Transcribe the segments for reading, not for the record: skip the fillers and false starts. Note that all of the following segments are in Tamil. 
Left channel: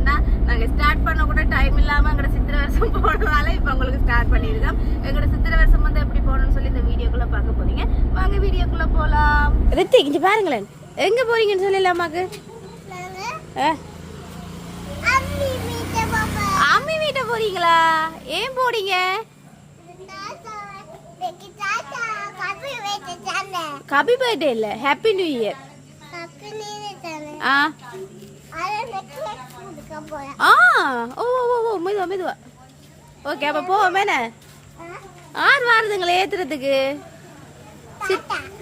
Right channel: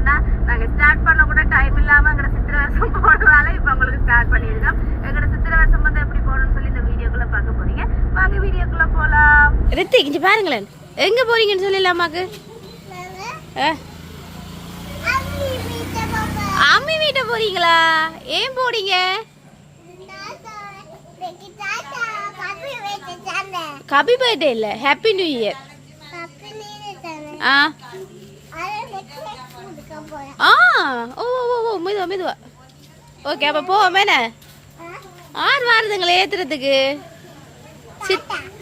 என்னன்னா நாங்க ஸ்டார்ட் பண்ண கூட டைம் இல்லாம எங்களோட சித்திரை வருஷம் போனதால இப்ப உங்களுக்கு ஸ்டார்ட் பண்ணிருக்கோம். எங்களோட சித்திரை வருஷம் வந்து எப்படி போகணும்னு சொல்லி இந்த வீடியோக்குள்ள பார்க்க போறீங்க. வாங்க வீடியோக்குள்ள போலாம். ரித்திக் இங்க பாருங்களேன், எங்க போறீங்கன்னு சொல்லலாமாக்கு? அம்மி வீட்டை போறீங்களா? ஏன் போறீங்க? ஹாப்பி பர்த்டே இல்ல, ஹாப்பி நியூ இயர். மெதுவா மெதுவா. ஓகே, அப்ப போவோமேன. ஆறு வாரதுங்களே ஏத்துறதுக்கு.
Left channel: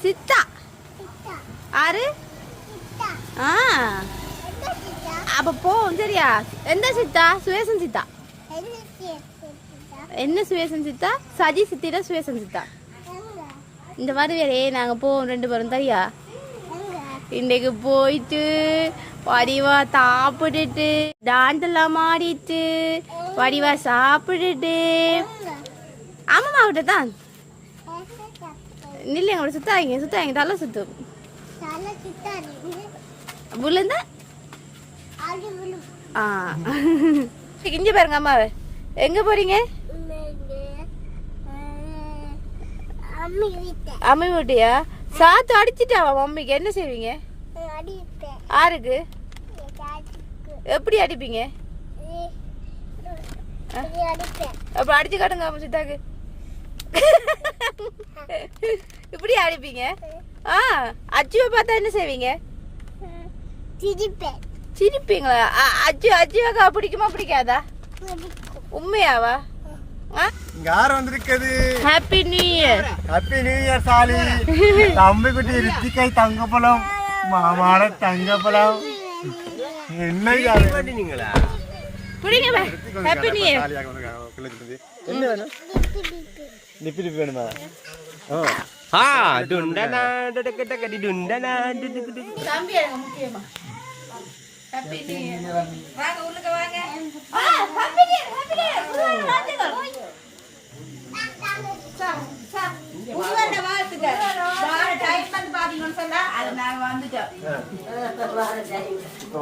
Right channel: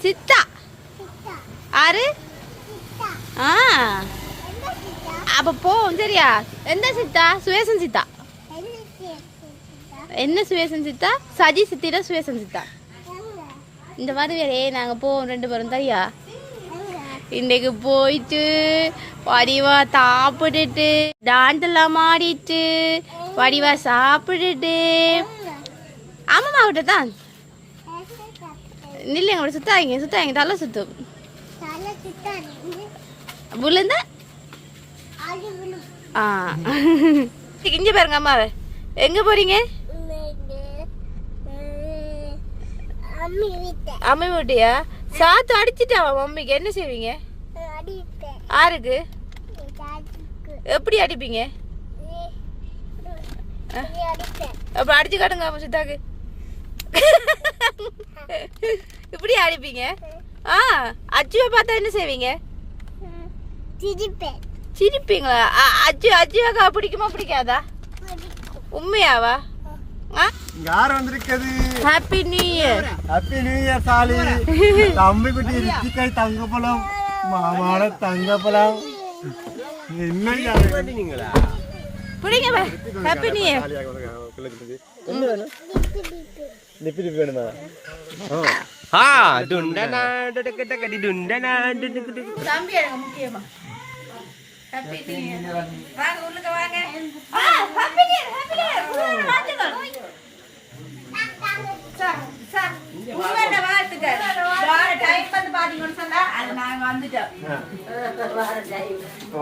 சித்தா ஆறு. அப்ப போவோம் சரியா? எந்த சித்தா? சுவேசன் சித்தா. என்ன சுவேசன் சித்தா? சஜி சித்திட சுவேசன் சித்தா. இந்த வருவேரே நாங்க போவோம் 2 பேரும் சரியா? இன்னைக்கு போயிட்டு வடிவா சாப்பிட்டுட்டு டான்ஸ் எல்லாம் ஆடிட்டு வடிவா சாப்பிட்டுட்டு ஆமாமா விட்ட தான் நில்ல எங்களோட சுத்தாங்க தலை சுத்தும் விழுந்த. இங்க பாருங்க அம்மாவை. எங்க போறீங்க? அம்மி வீட்டியா? சாத்து அடிச்சுட்டாவா மம்மிக்கு? என்ன செய்வீங்க? ஆருக்கு எப்படி அடிப்பீங்க? அப்ப அடிச்சு காட்டுங்க சித்தாக்கு. இப்படி அடிப்பீங்க? அச்சுவை பார்த்தா என்ன செய்வீங்க? சிரிப்பீங்களா? அச்சுவாக்கா பிடிக்குமா பிடிக்காதா? உண்மையாவா? யார் வந்திருக்கிறது? Happy new year. Happy new year சாலி. தம்பி குட்டி ரித்திகாய் தங்கப்பழம், மாமாட தங்கப்பழம். என்ன பண்ணீங்களா? புடிங்க பா. Happy new year. என்ன வேணும்? நிப்பி வேணுமா? டுண்டனா டடகடகடி டுண்டனா டுடுடு. தம்பி எனக்கு முக்கியமா. Happy new year. வாங்க உள்ளுக்கு வாங்க. Happy new year. Happy new year. ராஜகல். சார் உங்களோட வாழ்த்துக்கள். வார டைம் வந்து பாத்தீங்கன்னு சொன்னா அது நான் வந்துட்டேன்.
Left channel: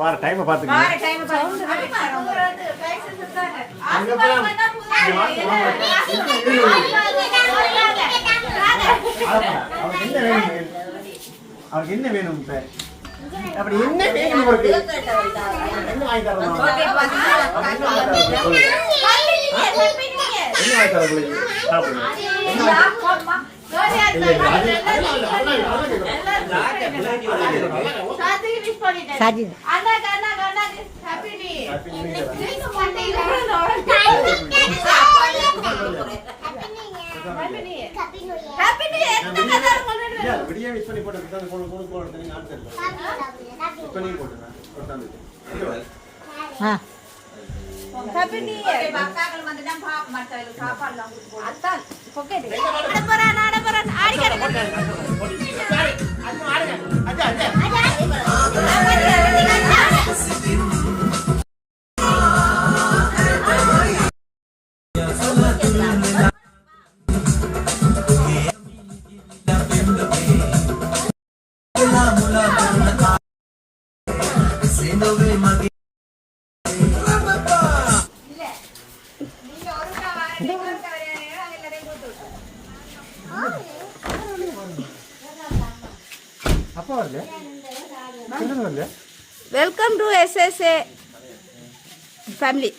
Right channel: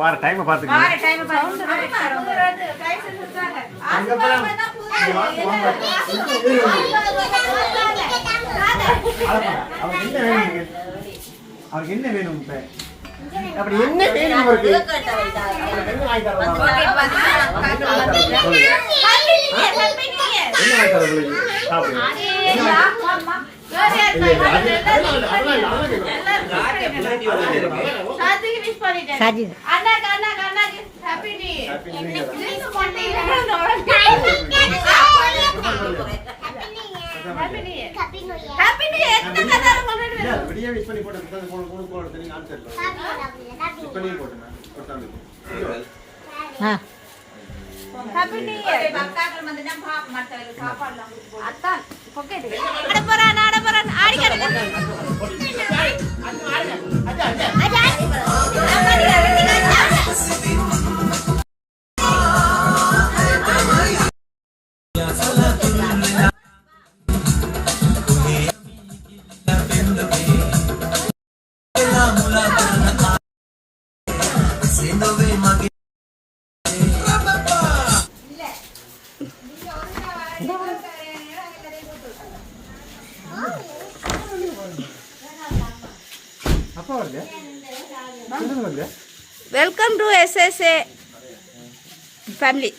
வார டைம் பாத்துங்க. வார டைம் சவுண்ட் வந்து கைஸ் சொல்றாங்க. அவருக்கு என்ன வேணும்? அப்படி என்ன வேணும் உங்களுக்கு? என்ன வாங்கி தரலாம்? Happy new year. பக்காக்கள் வந்துட்டா பாப் மச்சால சாப்பாடுலாம் அதான் பொக்கெட் ஆடப்பறான் ஆடிக்கறங்க. Welcome to SSA family.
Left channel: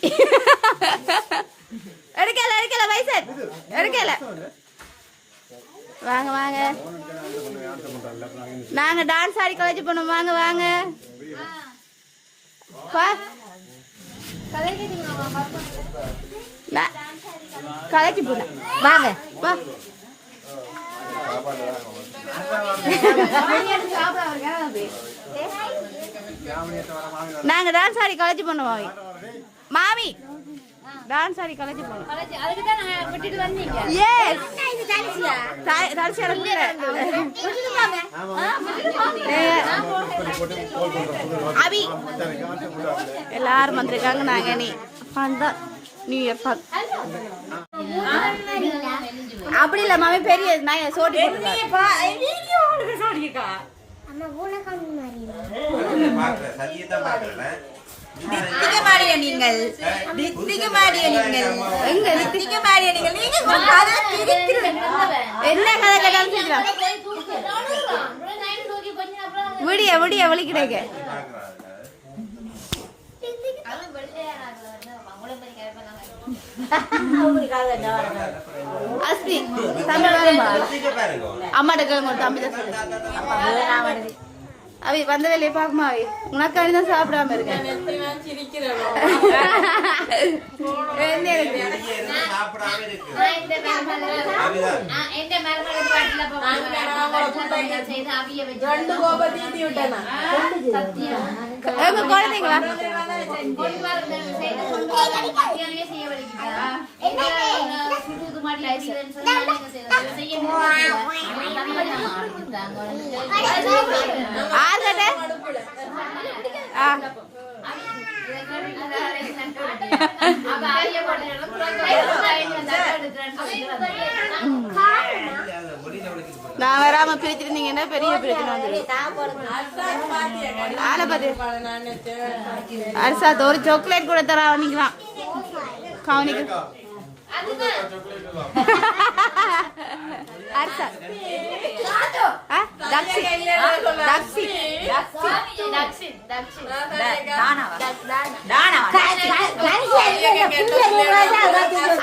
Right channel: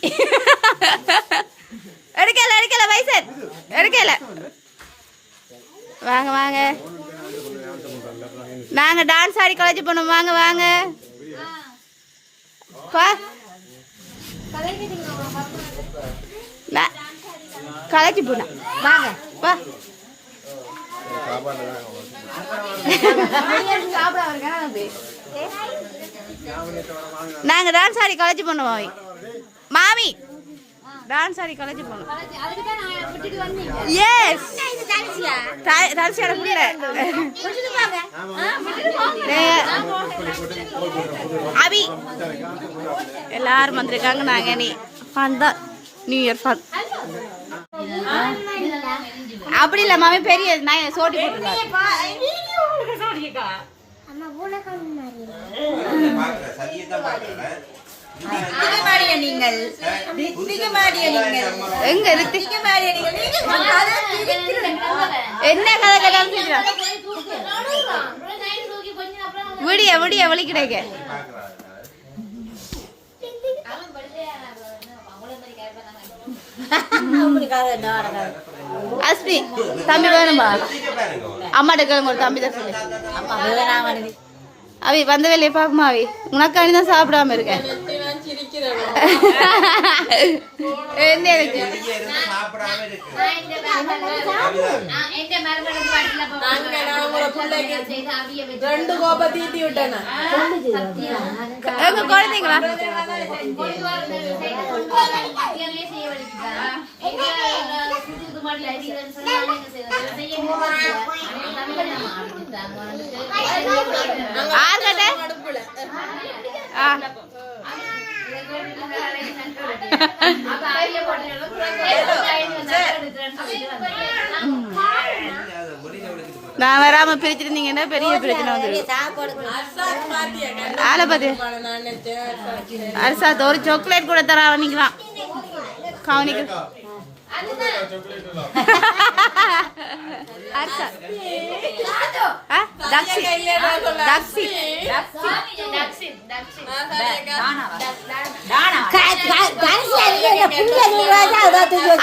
எடுக்கல வைசன் எடுக்கல. வாங்க வாங்க, நாங்க டான்ஸ் ஆடி காலேஜ் போனோம். வாங்க வாங்க காலேஜ் போனோம். வாங்க வா. நாங்க டான்ஸ் ஆடி காலேஜ் பண்ணுவோம். மாமி டான்ஸ் ஆடி காலேஜ் போனோம். எஸ் தரிசியோட பிள்ளை அபி எல்லாரும் வந்திருக்காங்க. நாங்க நீ ஃபன் தான், நியூ இயர் ஃபன். அப்படி இல்ல மாமி, பெரிய நான் சோட்டி போட்டுருக்காங்க. நீங்கள் ரித்திகமாடிய நீங்கள் எங்க ரித்திகமாடிய நீங்கள் நீங்கள் கதை இருக்கிறது. என்ன கதை கேட்டாலும் சொல்லிடுறா. விடிய விடிய வழி கிடைக்க அஸ்மி தம்பி வேணும்பா அம்மாட்ட கிளம்ப ஒரு தம்பி தான் சொல்லு. அவி வந்த வேலையை பார்க்குமா அவி உனக்கு அணிதான் சாப்பிடாம இருக்கேன். என்ன இருக்கு எங்க குழந்தைங்களா நான் வராம பிரிச்சிருந்தீங்கன்னா பெரிய பிரச்சனை வந்துடும். ஆளை பார்த்து அரசா ஒரு சாக்லேட் கூட தரா வந்தீங்களாம் கவனிக்க அரசா தக்ஷி தக்ஷி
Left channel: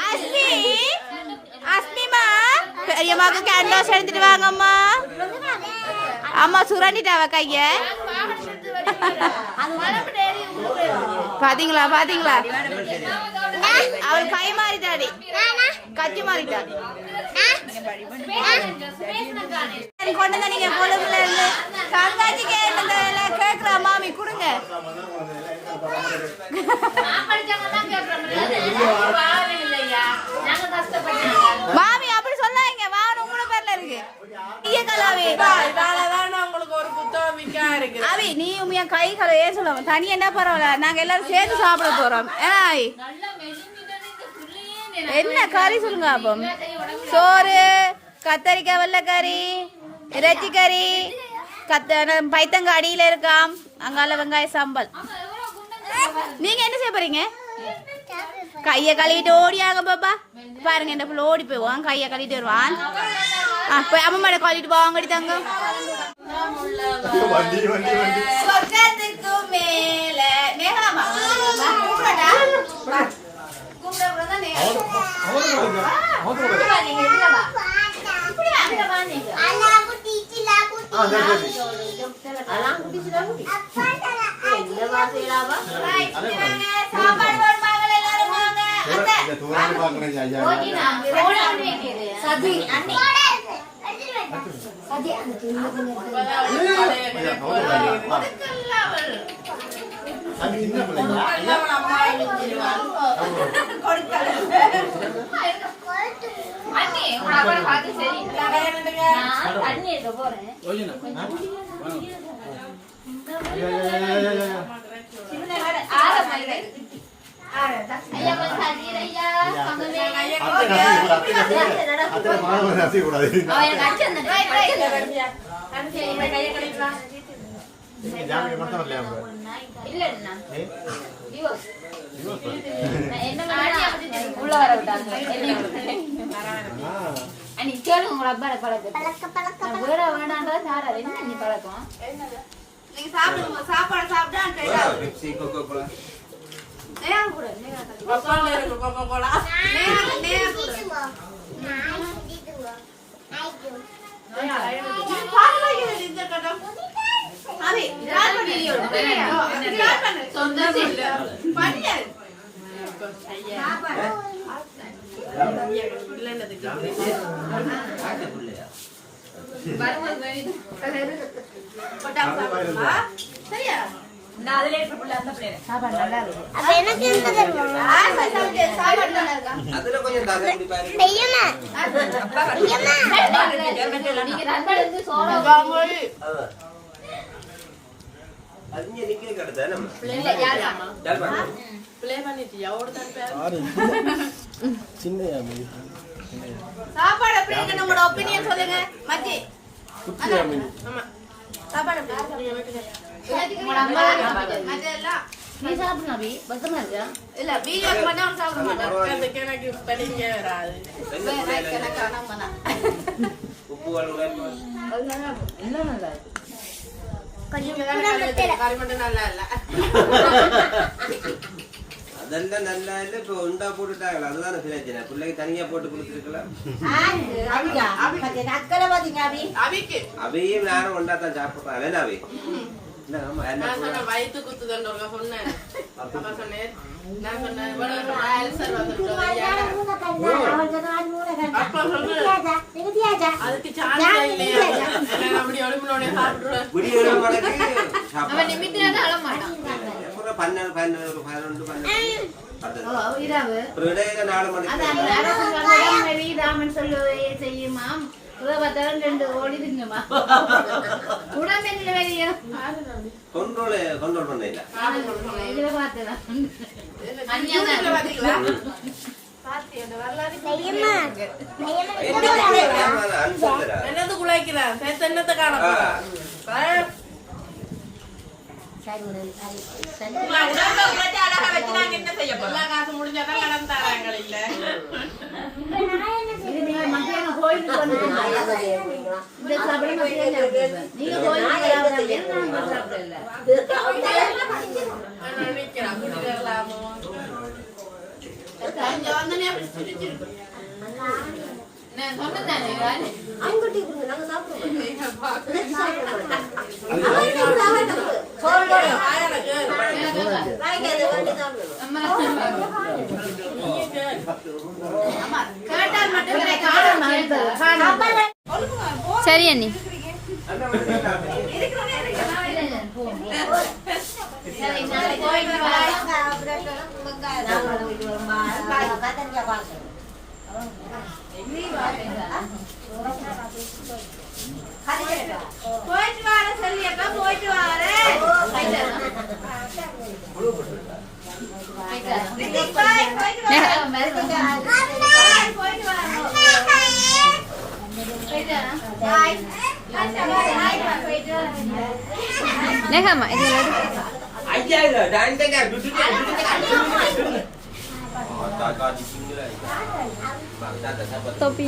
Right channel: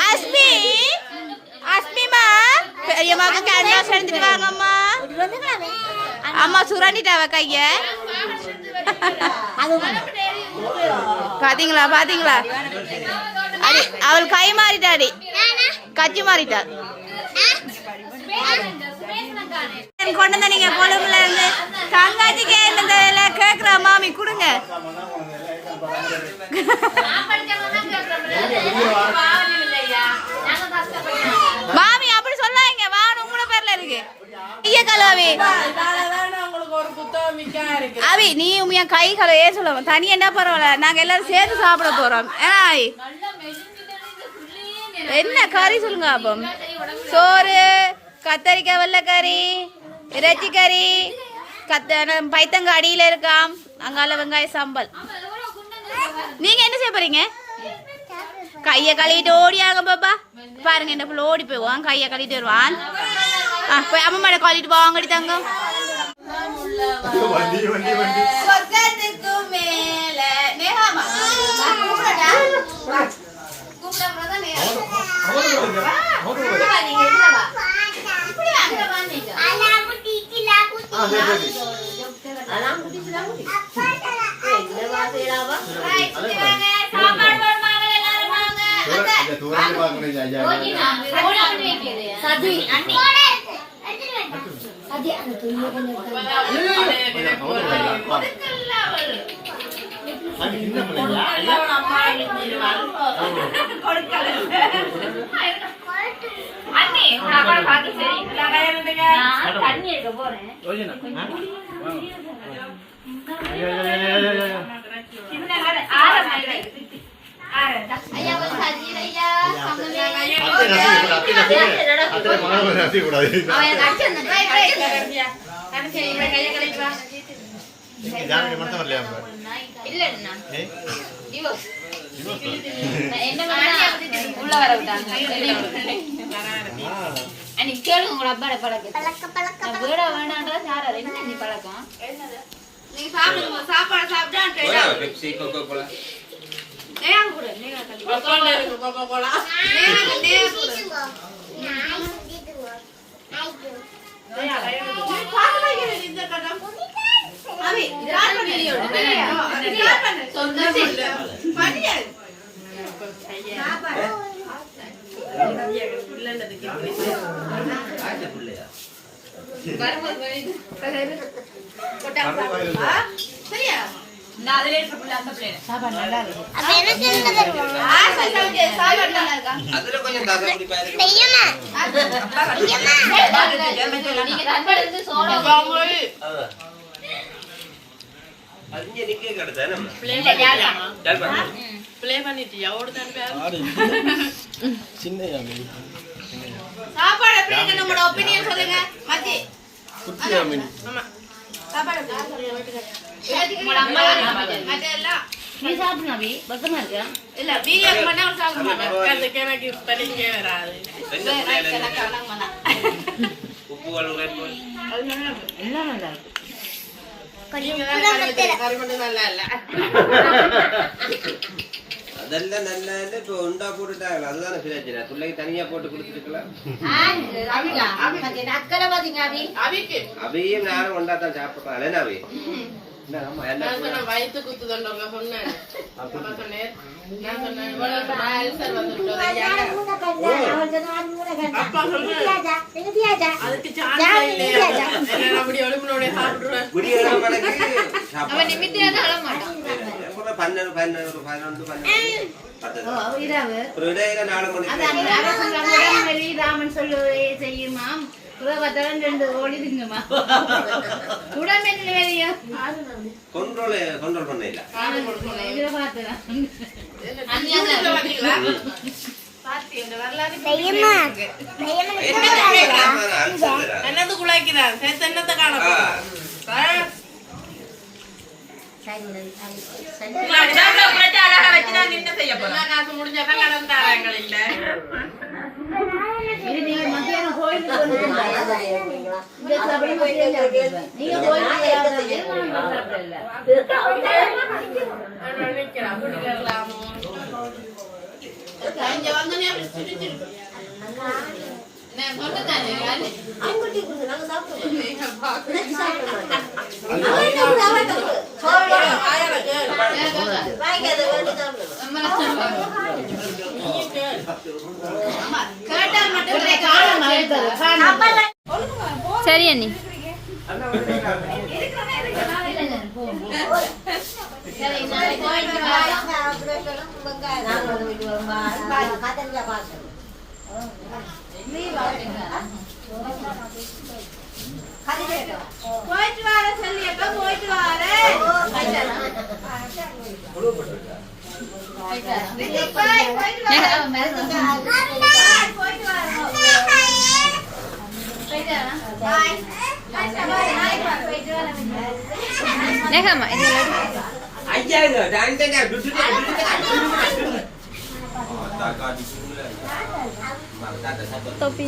அஸ்மி அஸ்மிமா பெரியம்மாக்கு கேன்வாஸ் எடுத்துட்டு வாங்கம்மா. அம்மா சுரண்டிட்டாவ கைய பாத்தீங்களா பாத்தீங்களா அவள் கை மாறிட்டாடி கச்சி மாறிட்டா. கொண்டு வந்த நீங்க கொழும்புல இருந்து தங்காச்சிக்கே கேக்குற மாமி கொடுங்க. மாமி அப்படி சொல்லாங்க வான் உங்களோட பேர்ல இருக்கு. அவி நீ உண்மையா கை கலையே சொல்லுவ தனி என்ன பரவாயில்ல நாங்க எல்லாரும் சேர்ந்து சாப்பிட போறோம். என்ன கறி சொல்லுங்க அப்போ சோறு கத்தரிக்காய் வெள்ளைக்கறி இறைச்சி கறி பைத்தங்க அடியில இருக்காம் அங்கால வெங்காய சாம்பல். நீங்க என்ன செய்ய போறீங்க? கைய கழுவிட்டு ஓடியாங்க பாப்பா பாருங்க இந்த புள்ள ஓடி போய்வான் கைய கழுவிட்டு வருவான். போய் அம்மா மேட கழுவிட்டு போவாங்கடி தங்கம். சாப்பாடு சாப்பிட்டா சரியா சாப்பாடு நல்லா இருக்கு. அதுல கொஞ்சம் சாப்பாடு எப்படி இருக்கு நம்மளோட ஒப்பீனியன் சொல்லுங்க மச்சி. சாப்பாடு உங்களோட அம்மா தான் சாப்பிட்டேன். மற்றெல்லாம் நீ சாப்பிடு நபி பக்கமா இருக்கியா இல்ல வீடியோக்கு மட்டும் அவன் சாப்பிட மாட்டான். அதுக்கு எனக்கு படிக்கவே வராது. எனக்கு கணக்கு பண்ணா. உப்பு வளர்ந்து என்ன நல்லா இருக்கு நீங்க தான் கறி மட்டும் நல்லா இல்ல. அதெல்லாம் நல்லா இல்லை. இப்போ உண்டா போட்டுட்டாங்களா? அதுதானே பிரச்சனை. பிள்ளைக்கு தனியா போட்டு கொடுத்துருக்கலாம். அக்கறை பாத்தீங்க அபி அவிக்கு அவையும் நானும் ஒண்டா தான் சாப்பிடுறேன். என்ன அவை நான் சொன்னேன் வயிற்று குத்துதல் சொன்னேன். அப்ப சொன்னேன் நான் சொன்னேன் இவ்வளவு அல்சர் வந்துட்டு அப்பா சொல்றேன் அதுக்கு சான்ஸ் இல்லையா? என்ன அப்படி ஒளிமனோட சாப்பிடுவேன். அவன் நிமித்தினா தான் அழ மாட்டான் 12 11 12 ஓ இரவு ஒரு இடையில 4 மணி அதான் அரசு ராமன் சொல்லுவதை செய்யுமா பார்த்தவன் 2 ஓடி திங்குமா உடம்பெண்ணில் வெளியே கண்ட்ரோல் பண்ண இல்ல. இதுல பார்த்தேன் பாத்தீங்களா? பாத்தி அந்த வரலாறு என்னது குழைக்கிறான் சேர்த்து என்னத்தை காண காசு முடிஞ்சாதான் கடன் தராங்க இல்ல. இது நீங்க மத்தியானம் கோயிலுக்கு வந்து இந்த சபரி மத்தியம் சாப்பிடுவேன் நீங்க கோயிலுக்கு சாப்பிடல குடிக்கலாமோ இங்க வந்தனே நான் கொண்டுதானே சரி அண்ணி போயிட்டு வார சொல்லியப்ப போயிட்டு வார நேகம்மா இது ஐயா இது டான்டங்க டுடுடு தாத்தா டிசுங்கல தாத்தா சாப்பாடு தொப்பி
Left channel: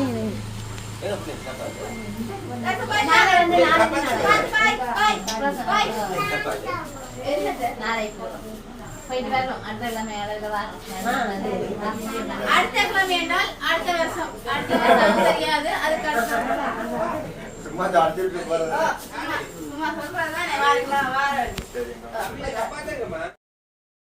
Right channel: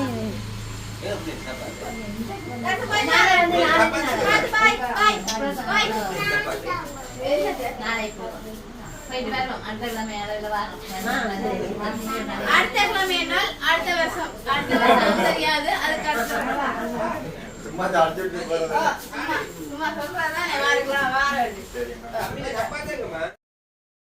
போயிட்டு வரணும் அடுத்த கிழமை இடையில அடுத்த கிழமை என்றால் அடுத்த வருஷம் தெரியாது அதுக்கு சும்மா அடுத்து சும்மா சொல்றதுதான் வாரம் சாப்பாடுங்கம்மா